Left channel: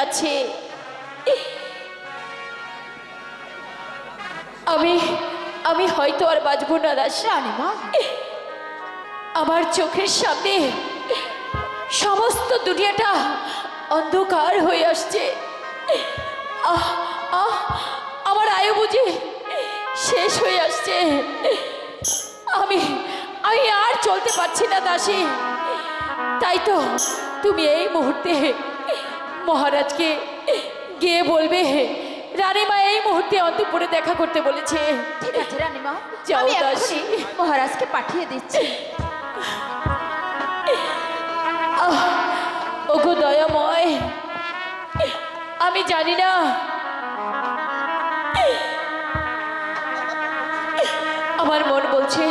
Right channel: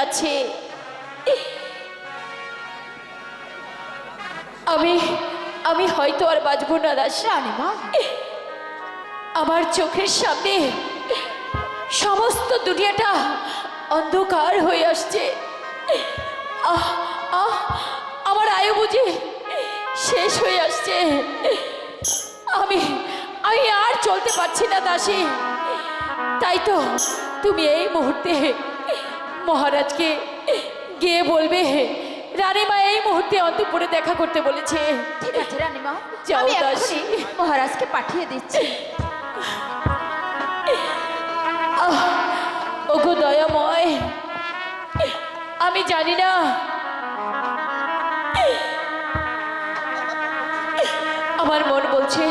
যাচ্ছে। আমি আমি হয়তো আর বাঁচবো না দাসী। রানীমা, আমার চোখের সামনে সমস্ত দুনিয়াটা অন্ধকার হয়ে আসছে। আহ আহ আমার আয়ু বুঝি শেষ হয়ে আসছে। আমি আমি আর চলতে পারছি না দাসী। তাই তো তুমি এই মুহূর্তে মহারাজকে গিয়ে বলবে রানীমা এই মুহূর্তে অন্তঃপুরে দেখা করতে বলেছে। ঠিক আছে রানীমা, যাও আমি দাসী। এক্ষুনি মহারাজকে পাঠিয়ে দিচ্ছি। ওগো দয়াময়, আমি জানি না আমার মন বলছে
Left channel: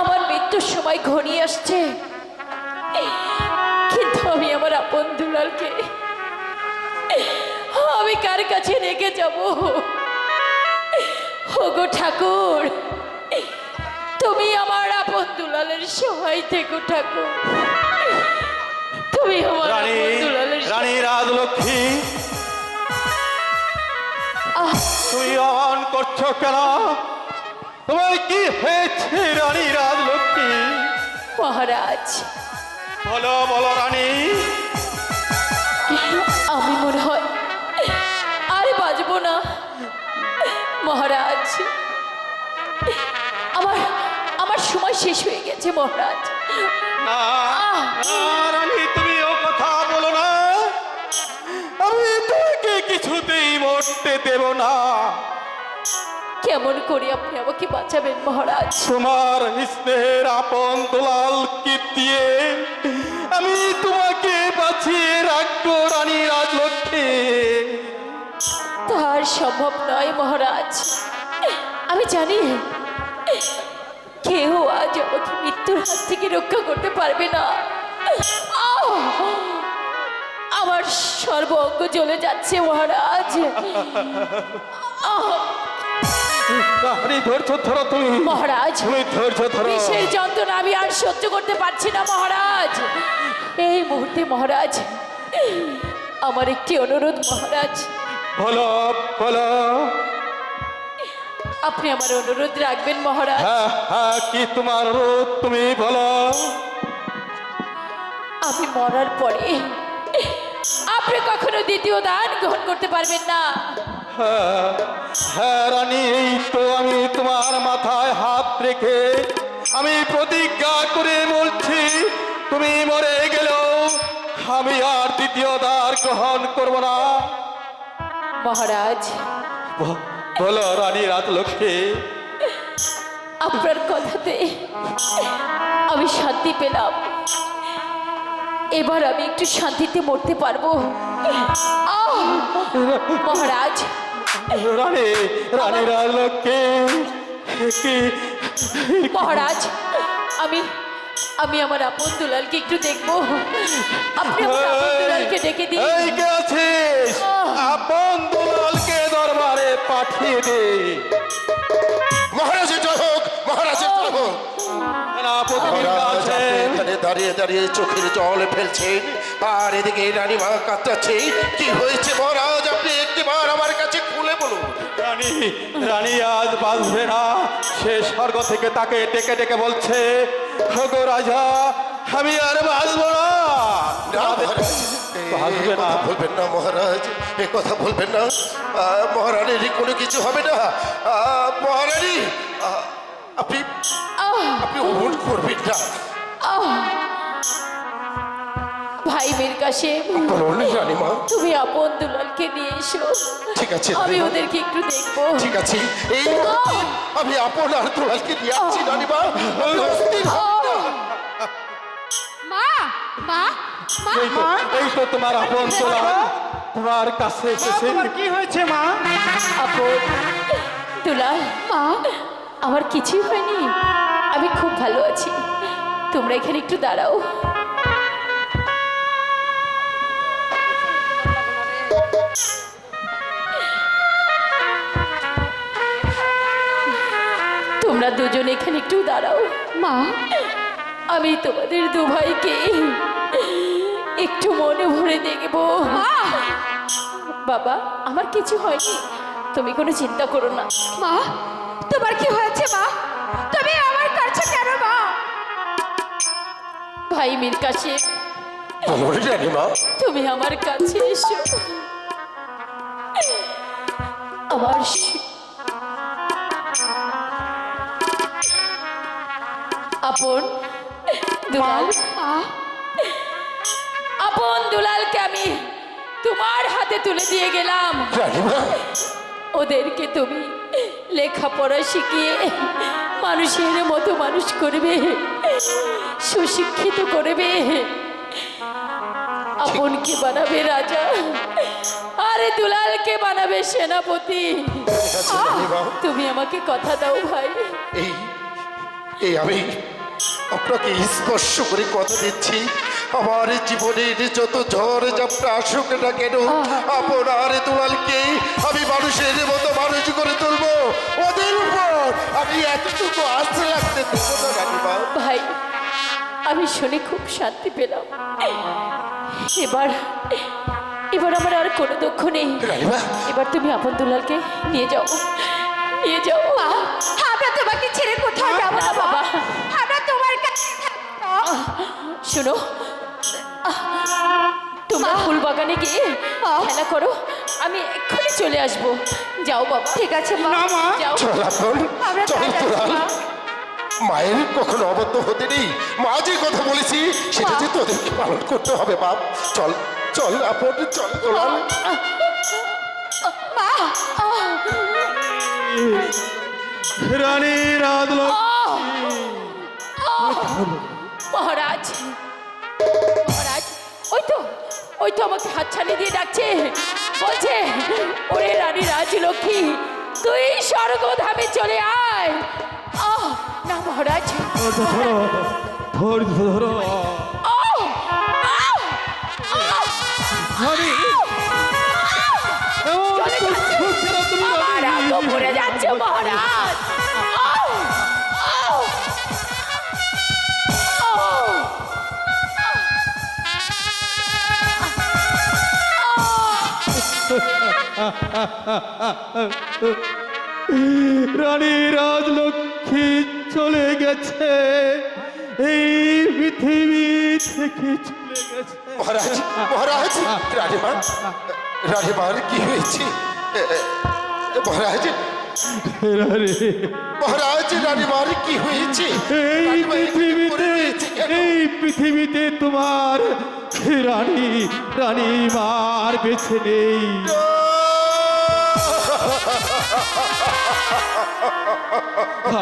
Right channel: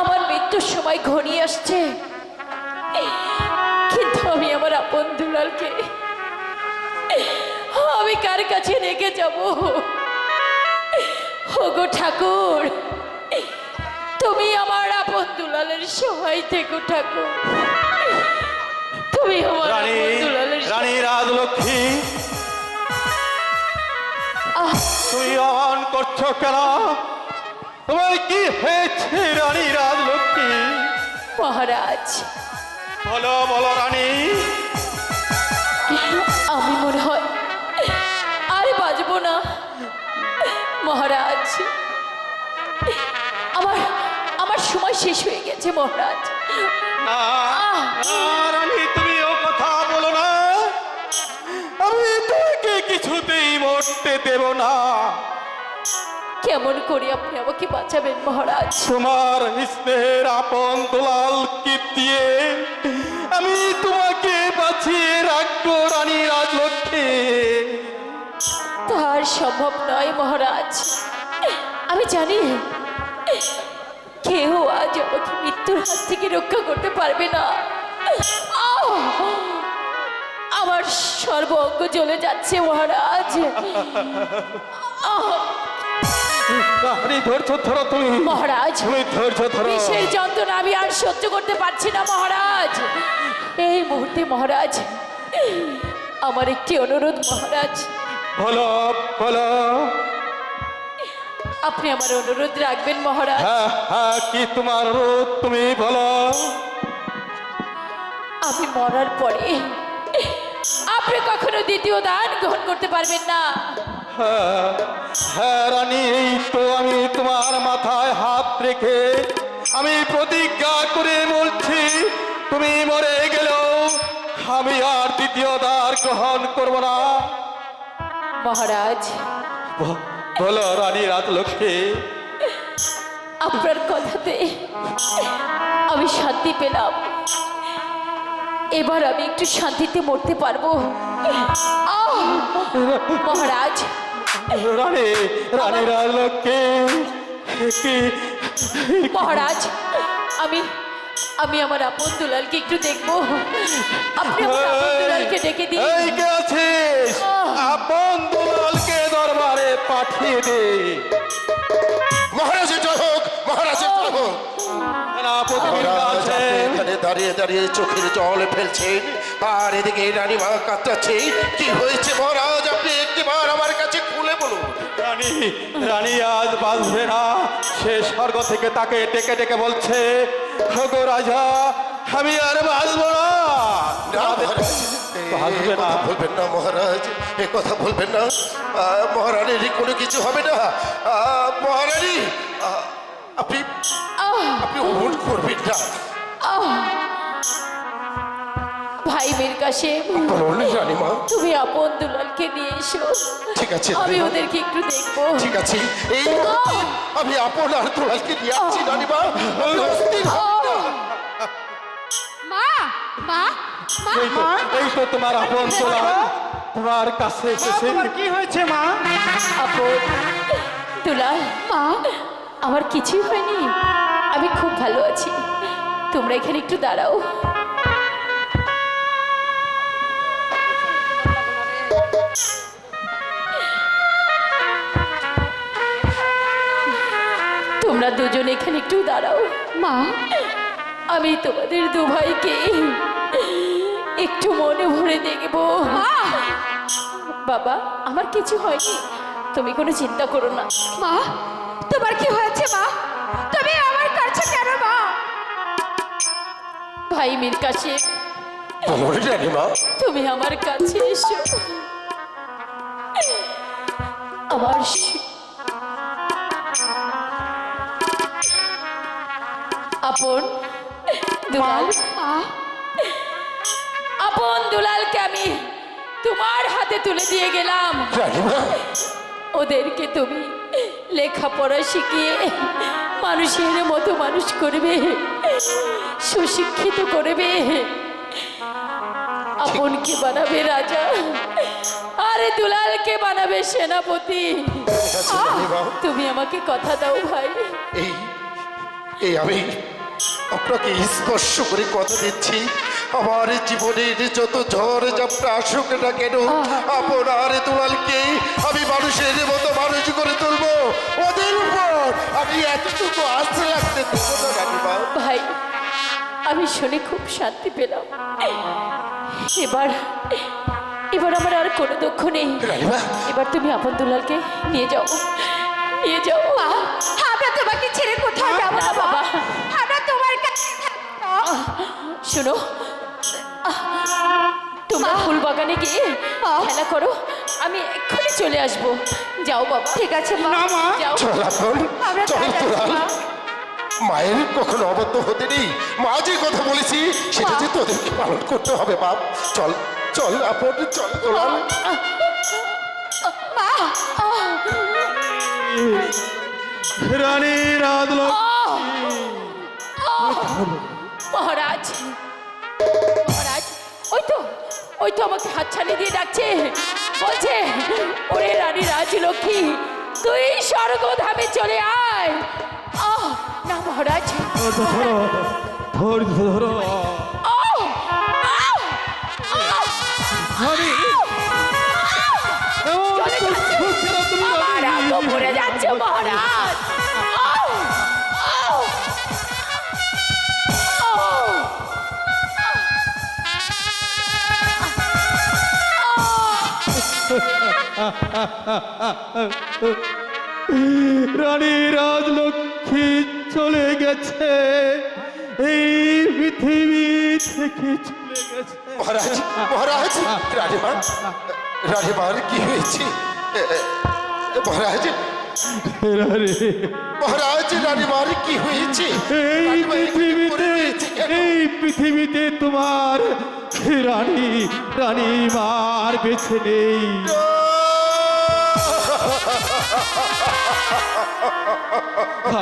আমার মৃত্যুর সময় ঘনিয়ে আসছে, কিন্তু আমি আমার আপন দুলালকে আমি কার কাছে রেখে যাব? ওগো ঠাকুর, তুমি আমার আপন দুলালের সহায় থেকো ঠাকুর। তুমি আমার আপন দুলালের রানী রাজলক্ষ্মী, তুই অন করছো কেন? তোমার কি হয়েছে রানী রাজলক্ষ্মী? মহারাজ, বলো বলো রানী। আমি মনে হয় আর বাঁচবো না মহারাজ। আমার আমার সময় শেষ হয়ে গেছে মহারাজ। না না রানী, তুমি ও কথা বলো না। আমি তোমাকে কিছুতেই মরতে দেব না। কেমন করে আপনি আমাকে বাঁচাবেন মহারাজ? তোমার স্নেহের আপন দুলালকে দিয়ে আমি তোমাকে বাঁচিয়ে রাখবো রানী রাজলক্ষ্মী। তার সম্ভব নয় মহারাজ। আমি জানি কেউ আজ আমাকে মৃত্যুর হাত থেকে রক্ষা করতে পারবে না। আমার সর্ব অঙ্গ জ্বলে যাচ্ছে মহারাজ। রানী ধৈর্য ধরো তুমি। মহারাজ, তুমি ধৈর্য ধরো। বিষের যন্ত্রণা আমি আর সহ্য করতে পারছি না মহারাজ। এই মুহূর্তে মহারাজ আমার একটি অনুরোধ মহারাজ। বলো বলো। আপনি আমার অনুরোধ রাখবেন মহারাজ? হ্যাঁ হ্যাঁ, কি তোমার অনুরোধ তুমি বলো। আমি মরার পরে আপনি কখনো দ্বিতীয় দান গ্রহণ করতে পারবেন না। হ্যাঁ হ্যাঁ রানী, এই তো আমি তোমার মাথায় হাত রেখে আমি প্রতিজ্ঞা করে বলছি, তুমি মরে গেলেও আমি আর দ্বিতীয় দ্বার গ্রহণ করব না। মহারাজ, বলো রানী রাজলক্ষ্মী। আপনার কথাতে আমি শান্তি পেলাম। এবার আমি একটু শান্তিতে মরতে পারবো। মহারাজ, রানী রানী রাজলক্ষ্মী। মহারাজ, আমি আমি আমার আপন দুলালকে একটু দেখবো। আপনি আমার আপন দুলালকে ডেকে দিন। এই কে আছিস? আপন দুলালকে দরবারে পাঠিয়ে দে। মহারাজের জয় হোক, মহারাজের জয় হোক। মহারাজ আপনি এখানে দাঁড়িয়ে দাঁড়িয়ে চোখের জল ফেলছেন, আর এদিকে রানীমা কাঁদছে। কি হয়েছে মহারাজ? আপনি একটিবার আমার কাছে খুলে বলুন। রানী রানী আজ বাঁচবে না। সে স্বর্গ থেকে তাকে ডেকে ডেকে বলছে, ওগো রাজা, আমি আর বাঁচবো না। এ কথা বলবেন না মহারাজ, এ কথা বলবেন না। মহারানীর কোনো কিছু হবে না। মহারানী, আপনি আপনি অমন করবেন না। ভাই মীর কাসেম, বলুন রানীমা। তুমি আপন দুলালকে নিয়ে এসো। ঠিক আছে আমি রানীমা। ওদেরকে একটু দেখবো। ঠিক আছে, এই আমি আপনার দুলালকে নিয়ে আসছি রানীমা। আপনি অস্থির হবেন না। মা মা মা এই তো তোমার আপন দুলাল তোমার কাছে এসেছে। কি হয়েছে মা? আপন দুলাল, মা, আমার কিছুই হয়নি। আমি খুব ভালো আছি। তোমরা এখানে একটু দাঁড়াও। তোমরা দুজন এখানে একটু দাঁড়াও। মা, আমি তোমাদের দু ভাইকে একটু মনে ভরে দেখবো। বাবা, আমার কিছু হয়নি, তুমি কোনো চিন্তা করো না। মা, তোমার কি হয়েছে মা? তুমি আমার কাছে কেন মা? ভাই মীর কাসেম, বলো রানীমা। তুমি আমার কাছে এসো। আমার আপন দুলাল, আপন দুলালকে আমি তোমার হাতে তুলে দিয়ে গেলাম। রানীমা, ওদেরকে তুমি লেখাপড়া শিখিয়ে মানুষের মতো মানুষ করবে, সুশিক্ষিত করবে, আপনকে বানাবে রাজা, আরে দুলালকে বানাবে সেনাপতি। ঠিক আছে রানীমা। তুমি আমাকে কথা দাও ভাই। এই এই আমি আপনাকে স্পর্শ করে কথা দিচ্ছি, আমার জীবনের যত ঝড় ঝাপটা আসুক না কেন, আপনার দুলালকে আমি মানুষের মতো মানুষ করে তুলবো। ওদের উপর আমি এতটুকু আস্থা রাখতে দেবো না রানীমা। ভাই, আমি শুনে খুব শান্তি পেলাম। এবার এবার আমার আর কোনো দুঃখ নেই। রানীমা, এবার তুমি আপন দুলালকে নিয়ে যাও, নিয়ে যাও। মা, আমরা তোমাকে ছেড়ে কোথাও যাবো না না বাবা, বাবা, আমরা তোমার কাছে থাকবো। শোনো, তোমরা ফুল বাগানে গিয়ে খেলা করো, আমি এক্ষুনি চলে আসবো। যাও বাবা। ঠিক আছে মা। যাও। চল আপন, আমরা চল যাচ্ছি, দুলাল। মা। মায়ের কখনো অবদ্ধ হতে নেই, মা যে কথা বলেছি সেটা যে তোদেরকে পালন করতে হবে বাপ। চল চল আপন, চল দুলাল। মা, রানী মহারাজ, মহারাজ, ওই তো আমাকে হাতছানি দিয়ে ডাকছে, বলছে ওরে রানী রাজলক্ষ্মী, তুই স্বর্গধামে চলে আয়। না মহারাজ, ধরো আহ! আহ! আমি চলে যাচ্ছে। আমার হাত পড়ে যাচ্ছে মহারাজ। আহ! আহ! আহ! রানী রাজলক্ষ্মী চলে গেছে, এই পৃথিবী থেকে চলে গেছে। মহারাজ, মহারাজ, রানীমা, রানীমার কি হয়েছে? মহারাজ, মহারাজ, রানীমার কি হয়েছে? এই রানীমা এখানে পৃথিবীতে, পড়ে রয়েছে কেন? এই পৃথিবীতে তোমার রানী, রানী মার বেছে নেই।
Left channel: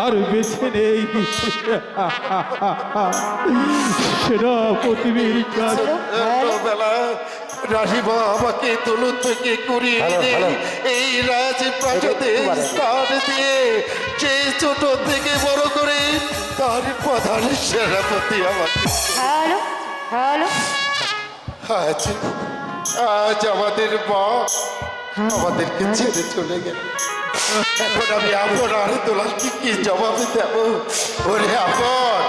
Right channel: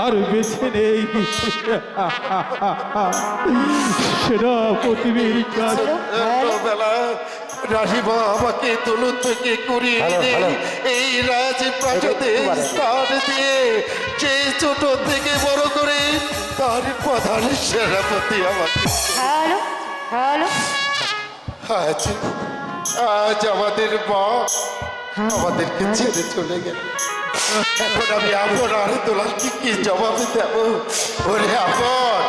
আর বেছে নেই সেনাপতির কাছে। বেলা রানীমা আমাকে দৌলত থেকে করিয়ে এনে এই রাজ প্রাসাদে স্থান দিয়ে যে ছোট থেকে বড় করে তার প্রধান সেনাপতি আমাকে। হ্যালো হ্যালো, আজ আজ আমাদের মা আমাদেরকে ছেড়ে চলে গেল। এখন আমি আপনার দোলালকে কি জবাব দেব? ওরে আপন,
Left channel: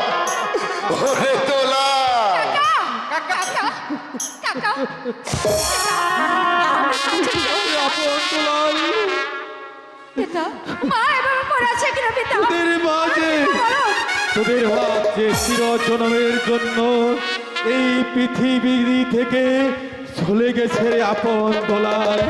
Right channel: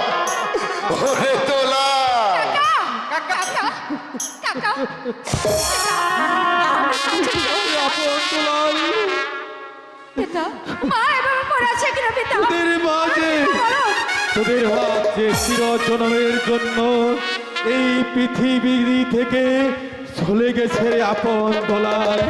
ওরে দোলাল। কাকা কাকা, আপন দুলাল, পিতা, মা এভাবে পড়ে আছে কেন পিতা? তোদের মাঝে, বলো। তোদের মাঝে চিরজন্মের জন্য এই পৃথিবী থেকে চলে গেছে আপন দুলাল।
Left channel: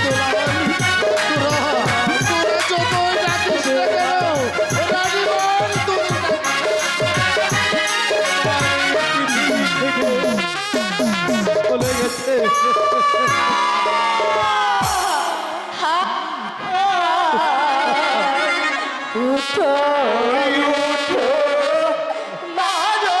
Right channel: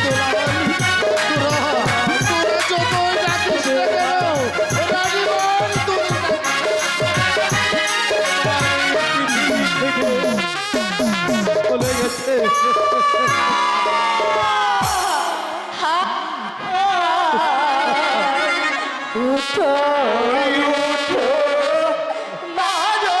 তোরা যতই গেছে। উঠো উঠো মা গো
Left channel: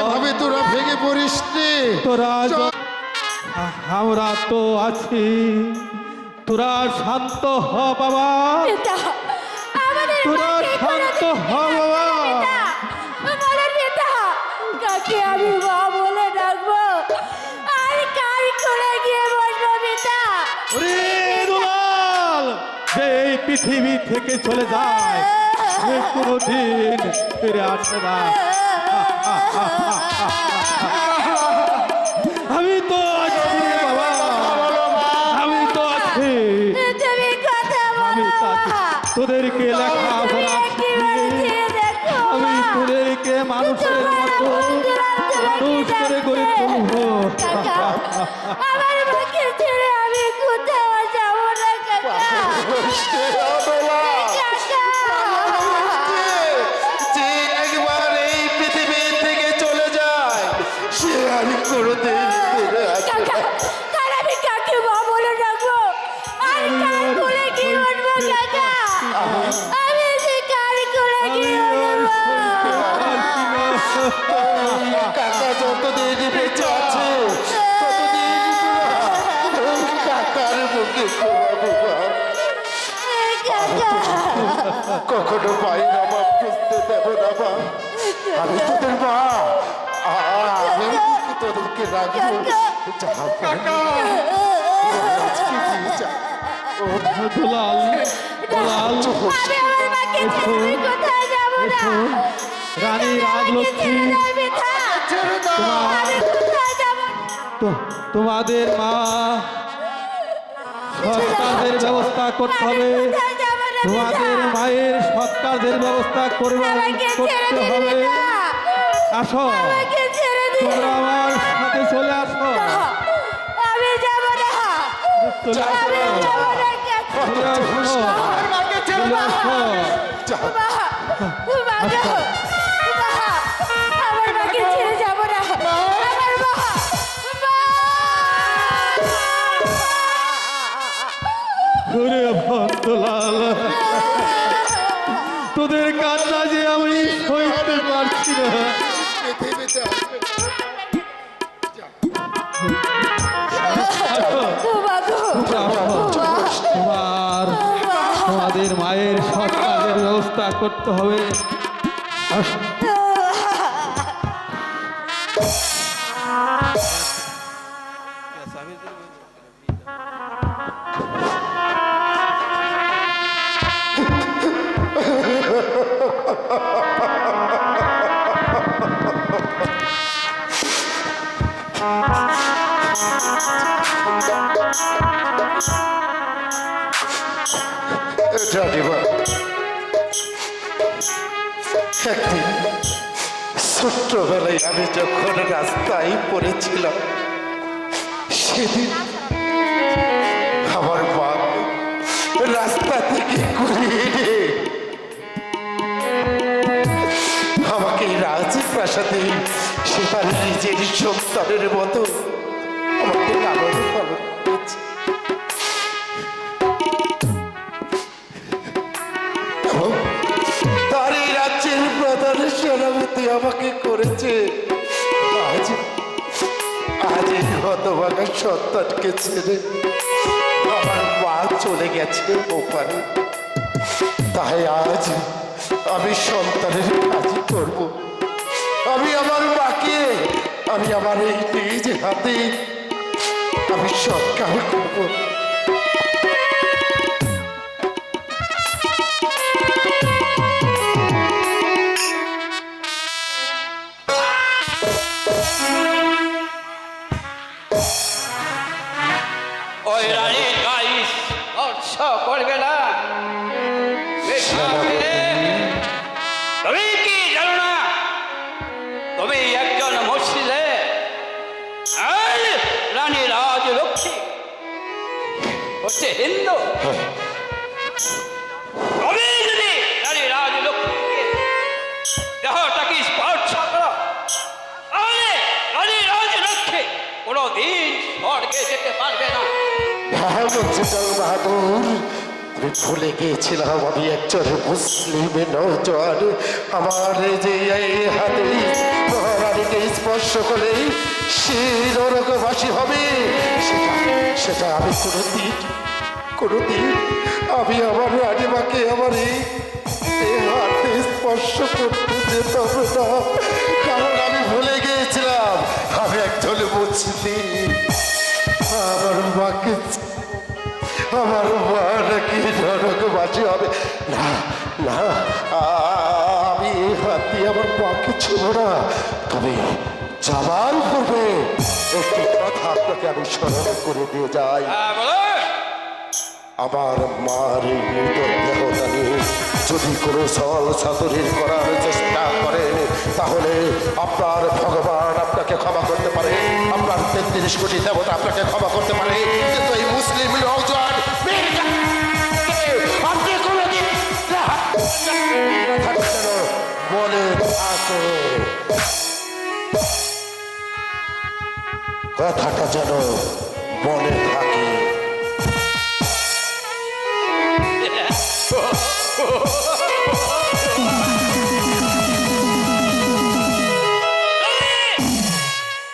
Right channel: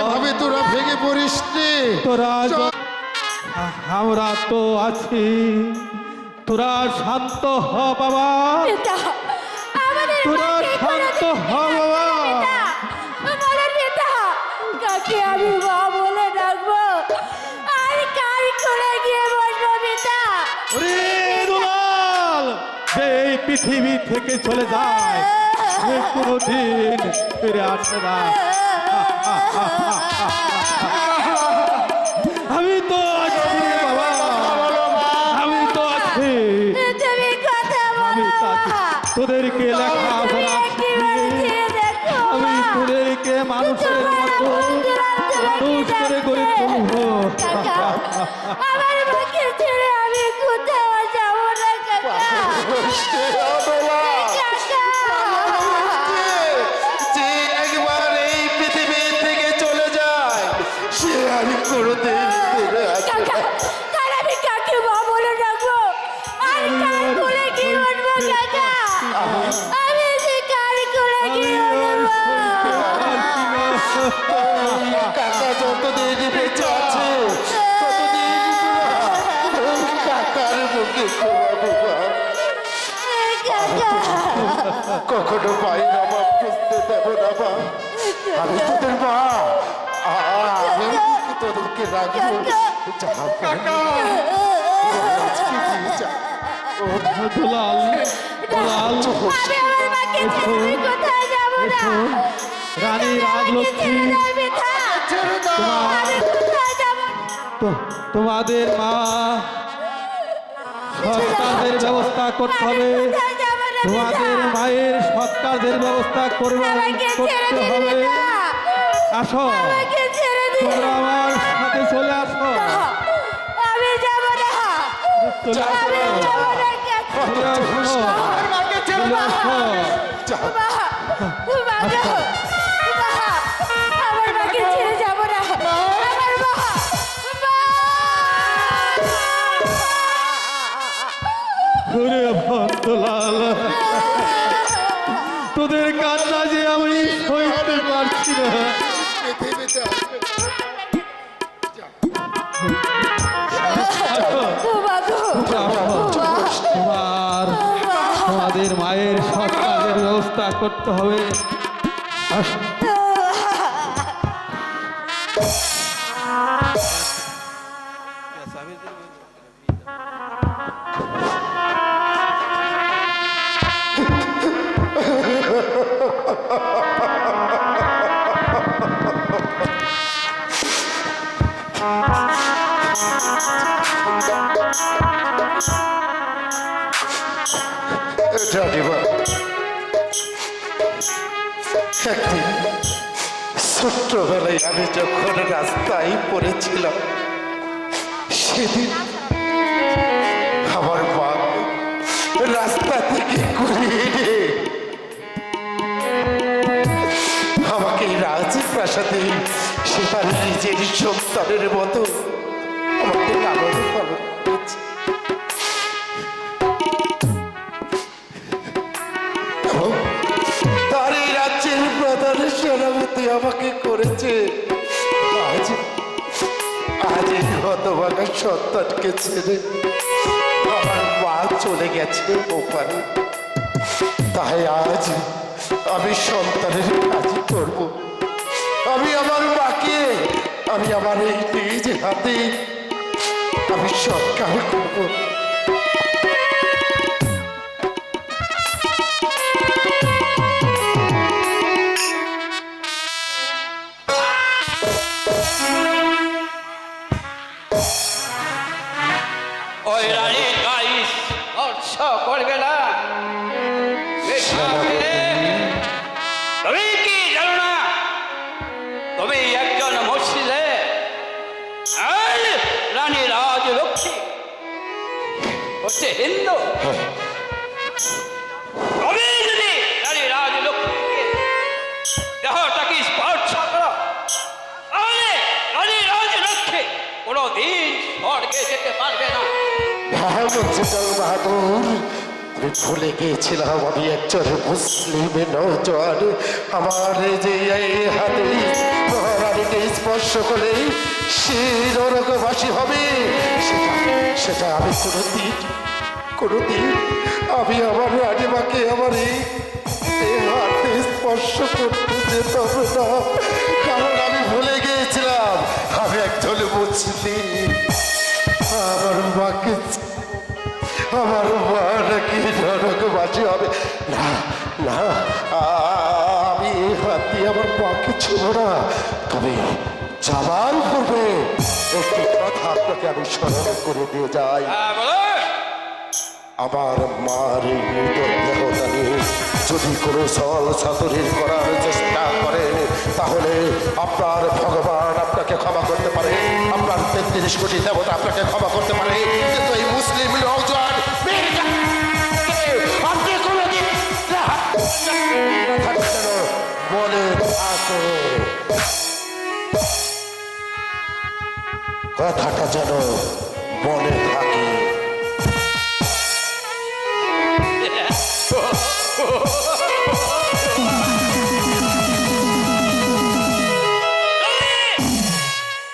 এভাবে তোরা ভেঙে পড়িস রে। তোরা আমরা তো আছি, তোরা শান্ত হ বাবা, পিতা আমাদের তোরা শান্ত হ বাবা। বলেন পিতা কাকে আমি মা বলে ডাকবো আর কার করে গিয়ে বসবো পিতা? ওরে দুলাল, যে এই পৃথিবী থেকে চলে যায় সে কোনোদিন ফিরে আসে না। আমি তো আছি বাবা, আমি তো আছি, তুমি কথা আমি বলো তো আছি। তোদেরকে লেখাপড়া শিখিয়ে আমি তোদেরকে মানুষের মতো মানুষ করে গড়ে তুলবো। আমার মাকে ছেড়ে আমি কোথাও যাবো না কাকা। যে একবার এই পৃথিবী থেকে চলে যায় সে আর কোনোদিন ফিরে আসে না। কাকা কার আমি কাকে মা বলে ডাকবো আর কার কোলে কি উঠবো কাকা? আমি যে কার কোলে কি উঠবো? কাকা যতদিন বেঁচে আছে ততদিন ওই কাকার মুখে ঘুমাবো মা। কাকা কখনো পাই না মা, বুঝতে দেবো না মা। আমি তোদের মা, আমি তোদেরকে রাখবো। দুলাল, দুলাল, আমি আমার মাকে ছেড়ে কোথাও যাবো না। রানী রাজলক্ষ্মী, আমি কোথাও যাবো না। তোমাদের মা সৎকারের ব্যবস্থা করতে হবে। কোথাও যাবো না তোমাদের মায়ের সৎকারের ব্যবস্থা করতে হবে। আসো, আমাকে ছেড়ে দিন। তোমরা আমার সাথে চলে আসো। আমি যাবো না। চলে আসো, আমি যাবো না কাকা। চলে আসো, চলে আসো। মা, মা গো, মা, আমার মাকে ছেড়ে যাবো না। মায়ের সৎকারের ব্যবস্থা করতে হবে। আস- রানীমা, একদিন ছোট্টবেলায় আমি যখন রাস্তায় পড়েছিলাম, সেদিন আমার মা রাস্তা থেকে ঘুরিয়ে এনে আমাকে রাজপ্রাসাদে সে তার নিজের সন্তানের মতো আমাকে লালন পালন করেছে। এবং তার এই রাজ্যের প্রধান সেনাপতি আমাকে করেছে। আজ আজ এই হতভাগা সন্তানকে ছেড়ে আমার মা চলে গেছে ওপারে। তাই আজ আমি সন্তানের কাজই করব। আমি আমার মাকে আমি আমার এই নিজ হাতে আমি সৎকার করব। ওই রানীর গায়ে স্পর্শ করবে না। তুমি কি জানো না তুমি একজন মহিলা? আর রানী রাজলক্ষ্মী হচ্ছে হিন্দু। তুমি যদি রানী রাজলক্ষ্মীকে দেহটাকে স্পর্শ করো, তাহলে রানী রাজলক্ষ্মী কোনোদিন স্বর্গে যেতে পারবে না। হ্যাঁ মঞ্জুটাল বাহাদুর, আমি ভুলে গিয়েছিলাম আমি একজন মুসলিম নৌজওয়ান। আমার যে এই হাতে মহারানীকে স্পর্শ করলে সে নরকবাসী হবে, সেটা সেটা আমি কোনোদিন আমি আমার রানীমাকে আমার এই হাতে স্পর্শ করতে যেতাম না, কারণ আমি ভুলে গিয়েছিলাম আমি একজন মুসলিম। আমার মা নাকি নরকবাসী হবে না। না, আমি এই হাত দিয়ে আমার মাকে ছিল না, তবে জবান করবে একটি কথা আপনাকে আমি স্মরণ করে দিয়ে যাই। বলো। আমার মার এই মৃতদেহটা নিয়ে যদি কোনো ছল ছাতুরির করার চেষ্টা করে, তাহলে আপনার ভগবান আপনাকে ক্ষমা করতে পারে, আপনার 33 কোটি দেবতা আপনাকে ক্ষমা করতে পারে, কিন্তু এই মুসলিম নওজোয়ান আপনি কোনোদিন বলে থাকে কথাটা যেন বলে থাকে।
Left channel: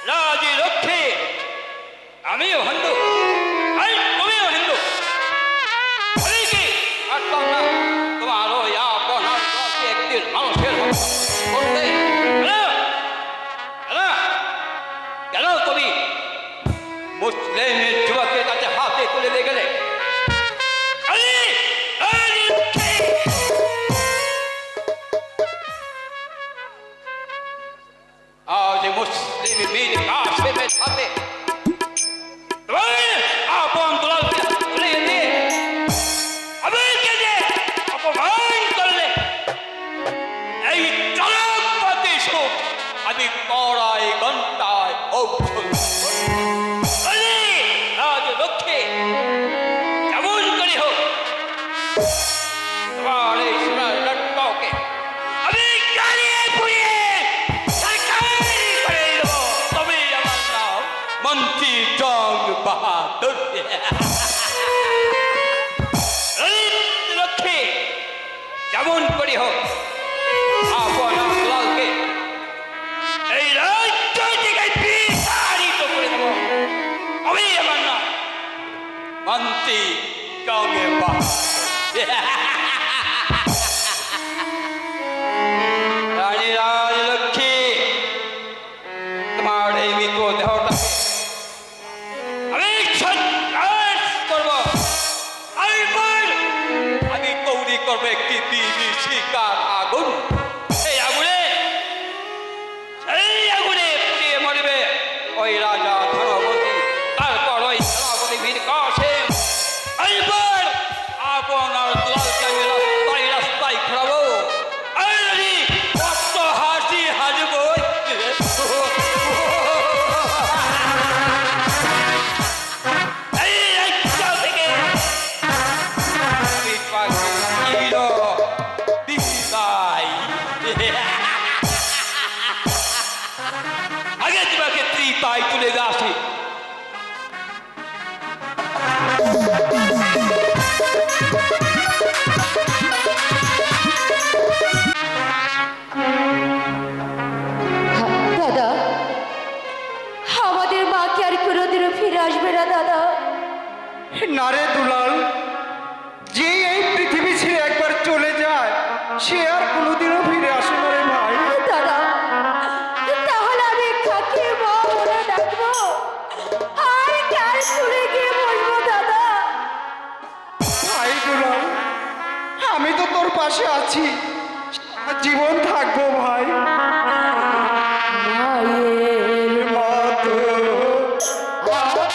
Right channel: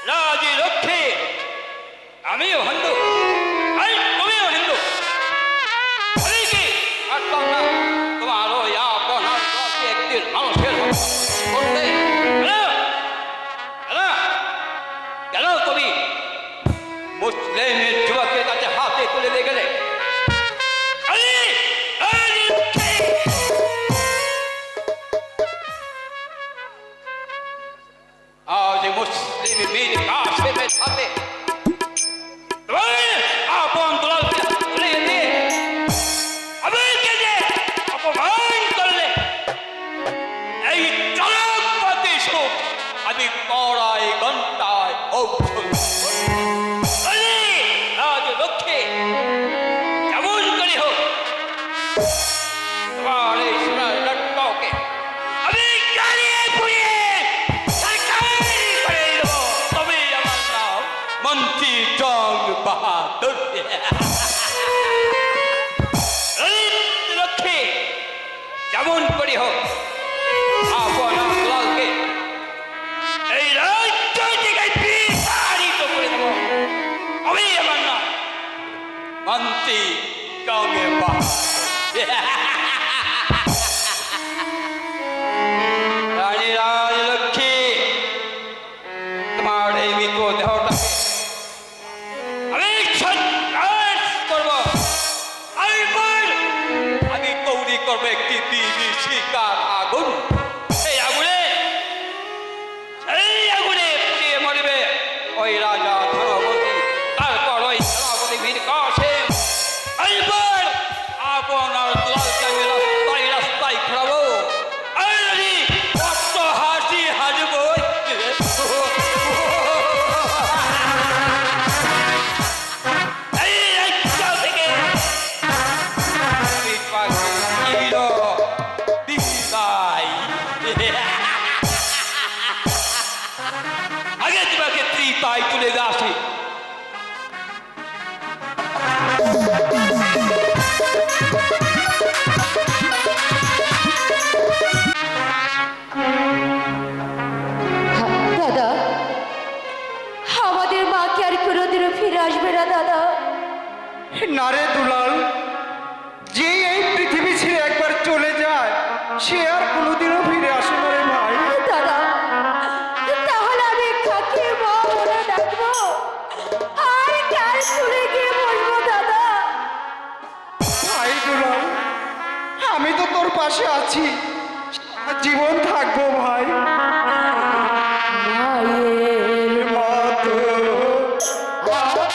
রাজলক্ষ্মী, আমিও হিন্দু, তুমিও হিন্দু। আমি কি পারতাম না তোমারও আপনার একদিন মানুষের করতে? কেন তুমি মুসলিমের যুবকের কাছে হাতে তুলে দিয়ে গেলে? আজ মুসলিম মেয়ের কাশেমের সাথে আপন দুলালকে তুলে দিয়ে আমাকে যে অপমান করলে, এই চরক পথে সুখ আমি পড়াই ঘন্টায় ঔষধ রাজলক্ষ্মী যেমন করে হোক তোমার এই সোনার লটকাওকে আমি জ্বালিয়ে পুড়িয়ে করে দেবো। তবে আমার নাম মন্ত্রী জং বাহাদুর। লক্ষ্মী যেমন করে হোক আপনার লালকে এই রাজ্য থেকে বিতাড়িত করে দেবো। আমি আমার নাম মন্ত্রী জং বাহাদুর। গো দেহটা আমি সন্ন্যাস করব। আমি তৈরি করবো একটি বিভীষিকার আগুন। সেই আগুনে পুড়িয়ে মরবে ওই রাজা ধনপতি, তারপর ওই ধনপতি বীর কাসেম। এইবার আপনার দুলালকে আমি রাস্তায় রাস্তায় ঘোরাবো। কত হাসি হাসবো। আগে তোমাকে ত্রিতায় তুলে আসি। দাদা, আমাদের মা কি আর কোনোদিনও ফিরে আসবে না দাদা? না রে দুলাল, যে এই পৃথিবী ছেড়ে একবার চলে যায় সে আর কোনোদিনও ফিরে আসে না রে ভাই। দাদা, তাহলে আমি কাকে মা বলে ডাকবো আর কার কুলে গিয়ে বলবো দাদা? ভাই দুলাল, আমি তো তোর পাশে আছি, জীবন থাকবো ভাই। মায়ের মতো ভাই ভাই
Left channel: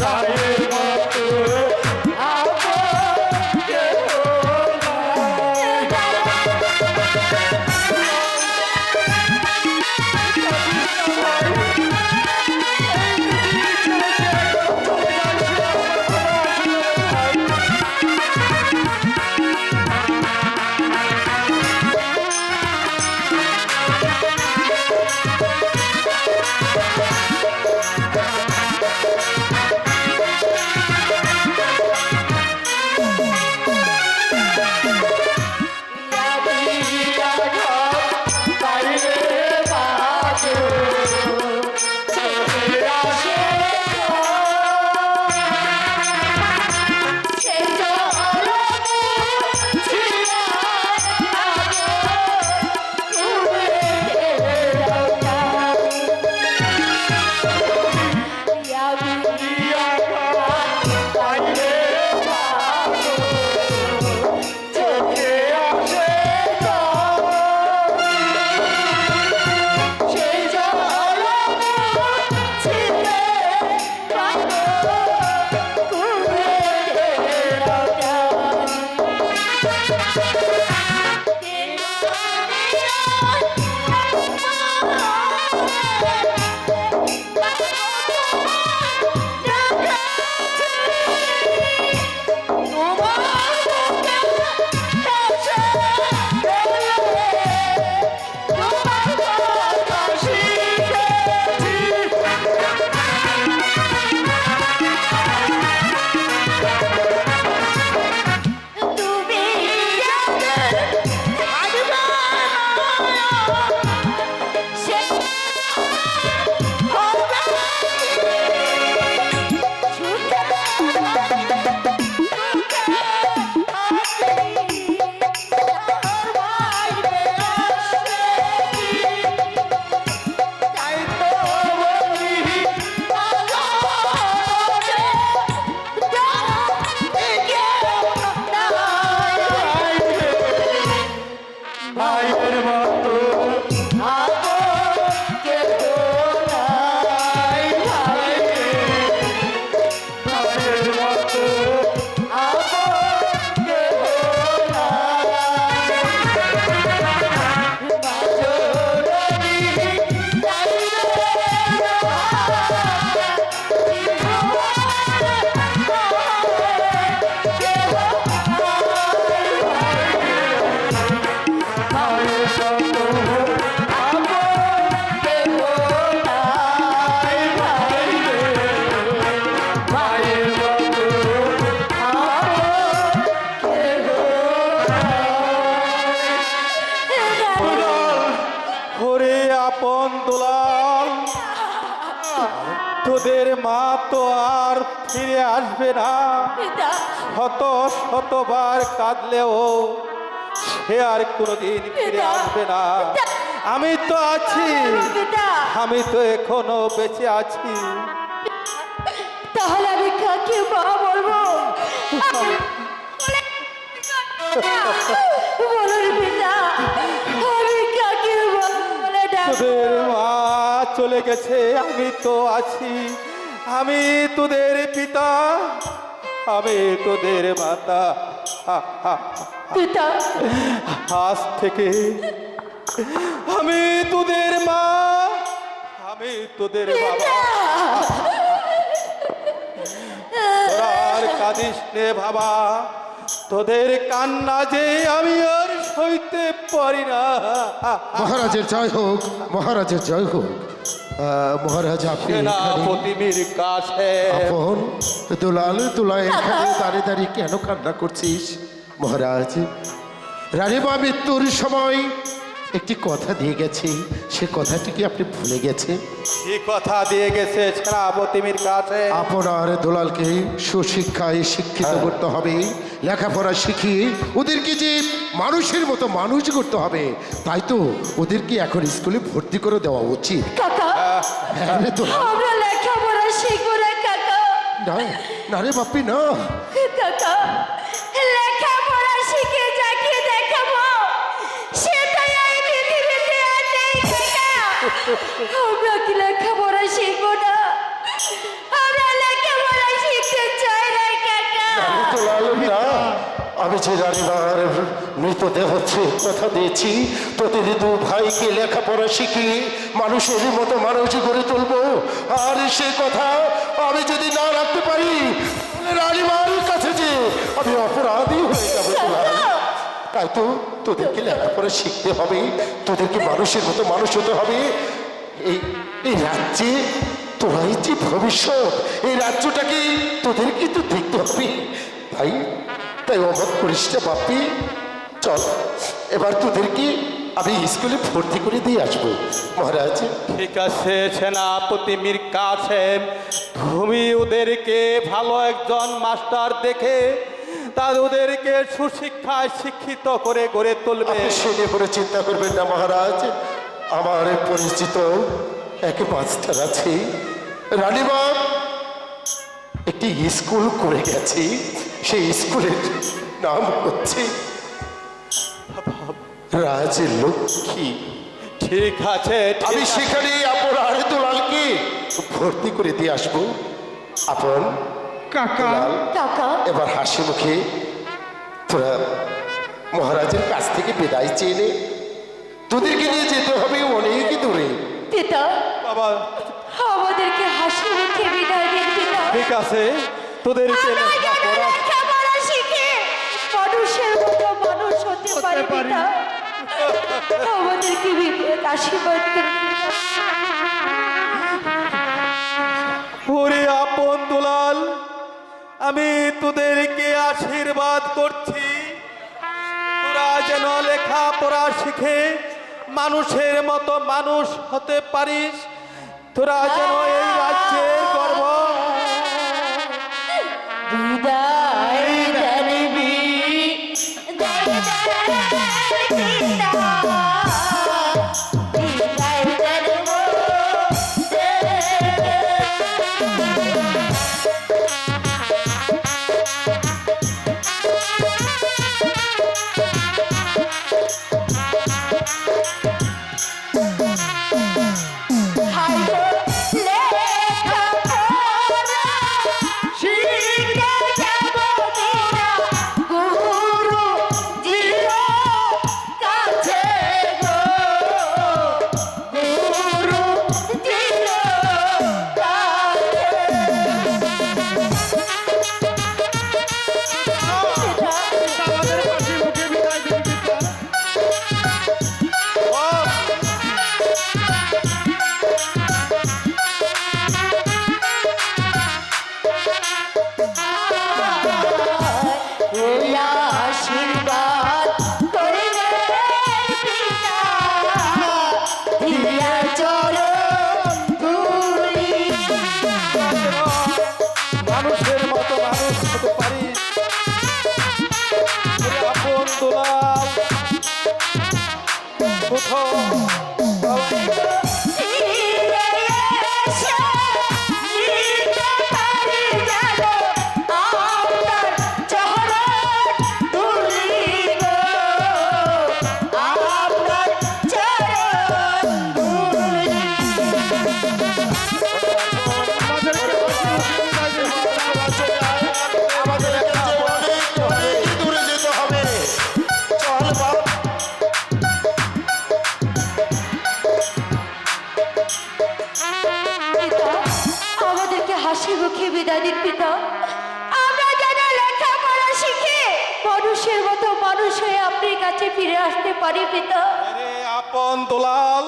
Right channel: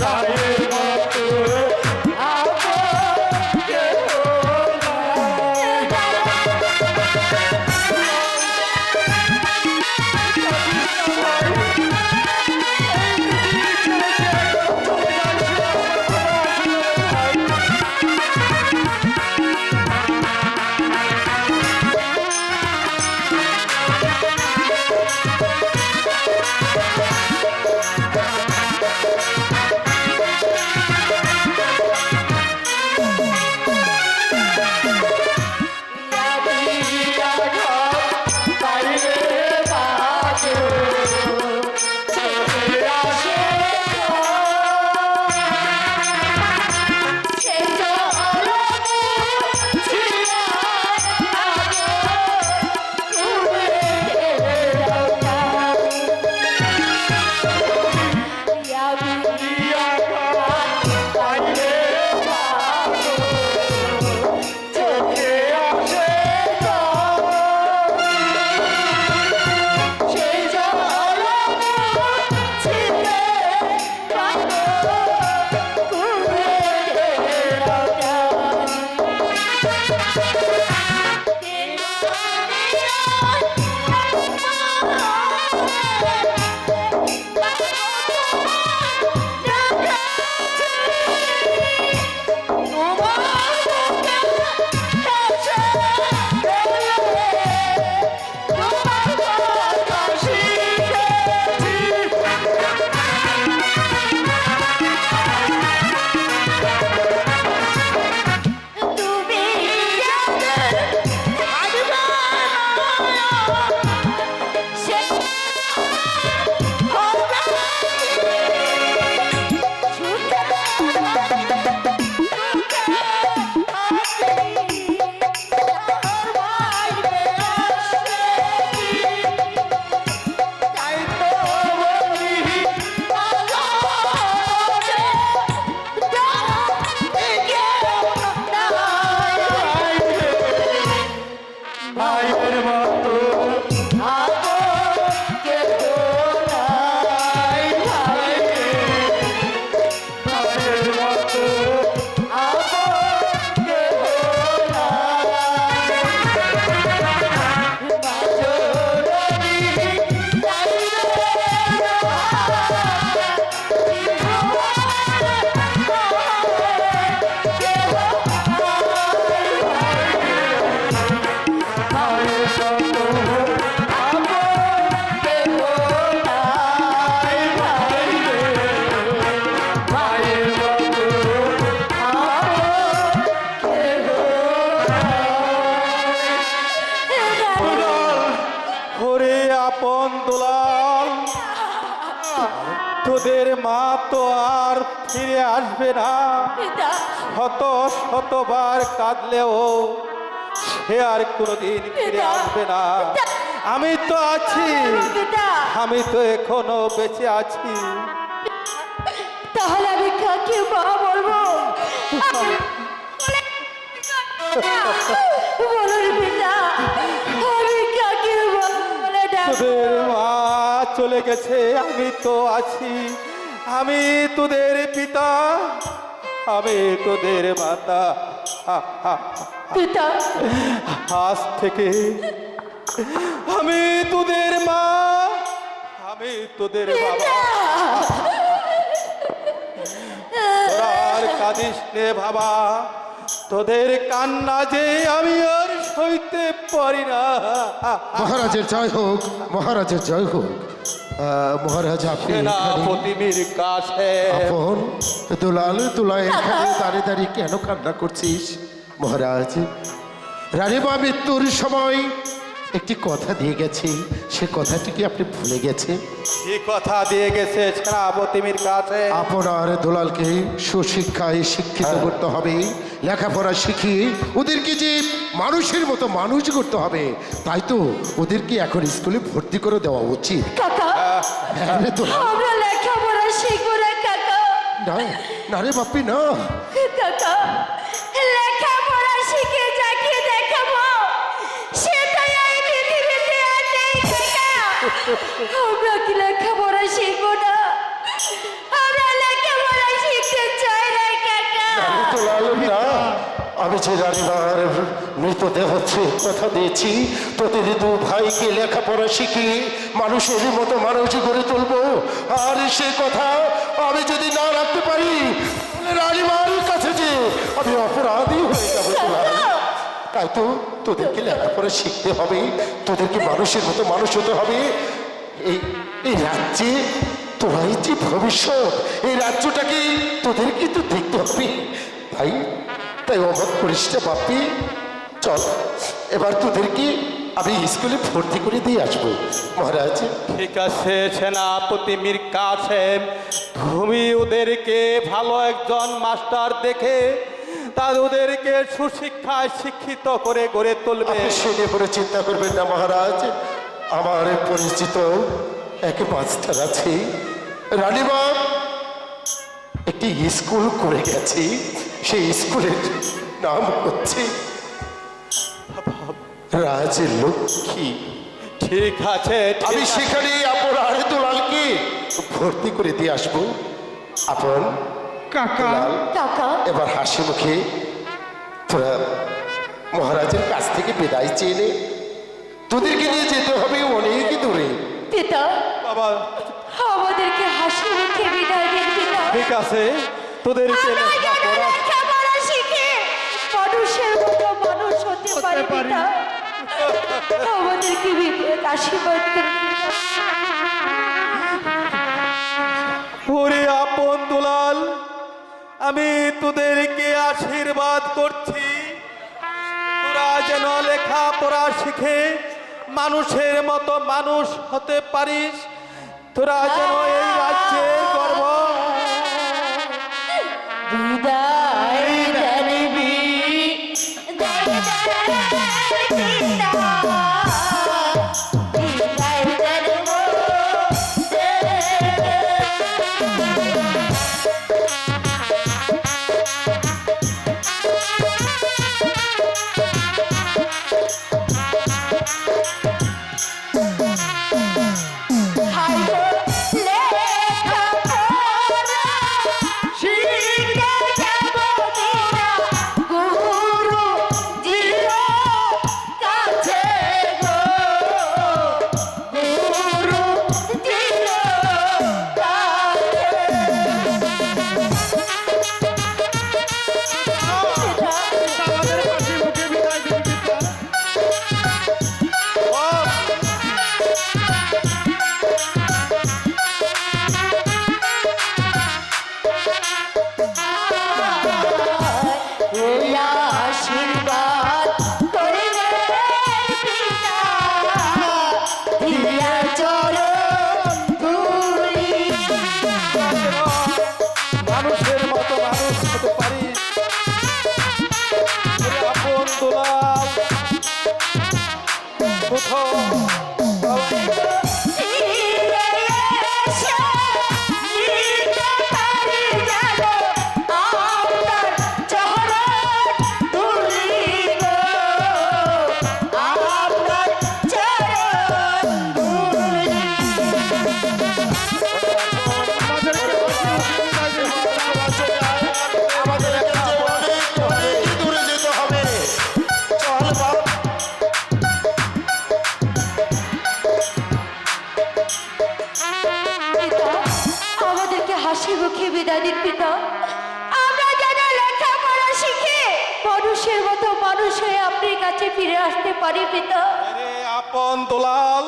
ভাইয়ের মতো আপন দুলাল, তোদের মা তো আর ফিরে আসবে না। পিতা শতবার কাঁদলেও সে আর কোনোদিন ফিরে আসবে না। আমি তো আছি, পিতা আমি তো এখনো বেঁচে আছি। তাহলে আমি কাকে মা বলবো? বলুন পিতা, আমি কাকে মা বলে ডাকবো? তোদের মা চলে গেছে, আমি তো আছি। আমি তোদের পিতা, আমি তোদের মাতা। পিতা আজ থেকে আমি তোদের মা, আমি তোদের বাবা। তোরা আর কাঁদিস নে বাবা, তোদের কান্না যে আমি আর সইতে পারি না। মহারাজের জয় হোক, মহারাজের জয় হোক। মহারাজ আপনি এখানে? সেনাপতি মীর কাসেম। আপন দুলাল, তুলা এখানে দাঁড়িয়ে দাঁড়িয়ে কেন কান্না করছিস? মহারাজ, রানীমা মৃত্যুর সময় একটি কথা দিয়ে গেছে, সে কথাটি কি আপনি ভুলে গেছেন? কি কথা দিয়ে গেছে সেনাপতি মীর কাসেম? আপনার দুলালকে সুশিক্ষায় শিক্ষিত করতে হবে, লেখাপড়া শিখিয়ে ওদেরকে যে মানুষের মতো মানুষ করতে হবে। তাই তো ওদেরকে এখন স্কুলে ভর্তি করে দেওয়া উচিত। কাকা, হ্যাঁ রে দুলাল। আমরা লেখাপড়া শিখবো না কাকা। না না রে বাপ্পি, না। কাকা, লেখাপড়া শিখে যাকে দেখাবো সেটাই এই পৃথিবীতে আর নেই কাকা। আমরা কি লেখাপড়া শিখবো না? আমরা লেখাপড়া শিখতে চাই না কাকা। দুলাল না, আমি যে রানীমার মৃতদেহ হচ্ছে কথা দিয়েছি, তোদের দু ভাইকে লেখাপড়া শিখিয়ে মানুষের মতো মানুষ গড়ে তুলবো। আর সে কথা আমি যদি না রাখতে পারি, তাহলে রানীমার কাছে যে আমি অপরাধী হয়ে যাবো দুলাল। তাই তো তোদেরকে লেখাপড়া শিখতে হবে, তোদেরকে মানুষের মতো মানুষ হতে হবে। এই রাজ্যে তোরাই যে ভবিষ্যৎ, এই রাজ্যটাকে তোদেরকে তো দেখতে হবে। তাই অবাক করিস না বাপ্পি। চল এবার তোদেরকে আমি স্কুলে ভর্তি করে দিয়ে আসবো। মহারাজ, ঠিক আছে সেনাপতি মীর কাসেম, তুমি ওদেরকে ভালো একজন মাস্টার দেখে ওদেরকে সুশিক্ষায় শিক্ষিত করে গড়ে তুলবে। আপনি সে নিয়ে করে চিন্তা করবেন না মহারাজ। আমার পরিচিত এক মাস্টার আছে, রানীমা একটি স্কুল করে গেছে। সেই স্কুলের নাম হচ্ছে রাজলক্ষ্মী। ঠিক আছে, আমি সেখানে আপনার দুলালকে ভর্তি করে দিয়ে আসবো। আপন দুলাল, কাকা, এবার হাসি মুখে তোরা মহারাজের কাছ থেকে বিদায় চেয়ে নে। তোদেরকে নিয়ে যেতে হবে অনেক দূরে। পিতা বাবা আমাদেরকে হাসি মুখে বিদায় দিন পিতা। ঠিক আছে, তোদেরকে আমরা যেন লেখাপড়া লেখাপড়া শিখে মানুষের মতো মানুষ হতে পারি পিতা। আমাদেরকে বিবেক আশীর্বাদ করুন পিতা। ওরে আপন দুলাল, আমি তোদেরকে আশীর্বাদ করছি, তোরা যেন লেখাপড়া শিখে মানুষের মতো মানুষ হতে পারিস। তোরা যেন এই রাজ্যের গর্ব। বিদায় জানবি বিদায় জানবো। শিখতে যাবো গুরু জিরো আপন দুলাল কোথাও আমাদের অনেক দূরে যেতে হবে। চল বাপ। পিতা, আমাদেরকে হাসি মুখে বিদায় দিন পিতা। আমরা যেন লেখাপড়া শিখে মানুষের মতো মানুষ হয়ে আপনার কাছে ফিরে আসতে পারি পিতা। আরে আপন দুলাল,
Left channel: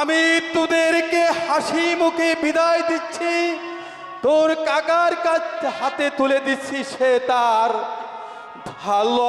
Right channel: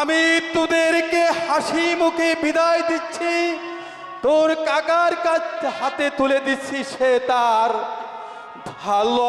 আমি তোদেরকে হাসি মুখে বিদায় দিচ্ছি, তোর কাকার কাছে হাতে তুলে দিচ্ছি, সে তার ভালো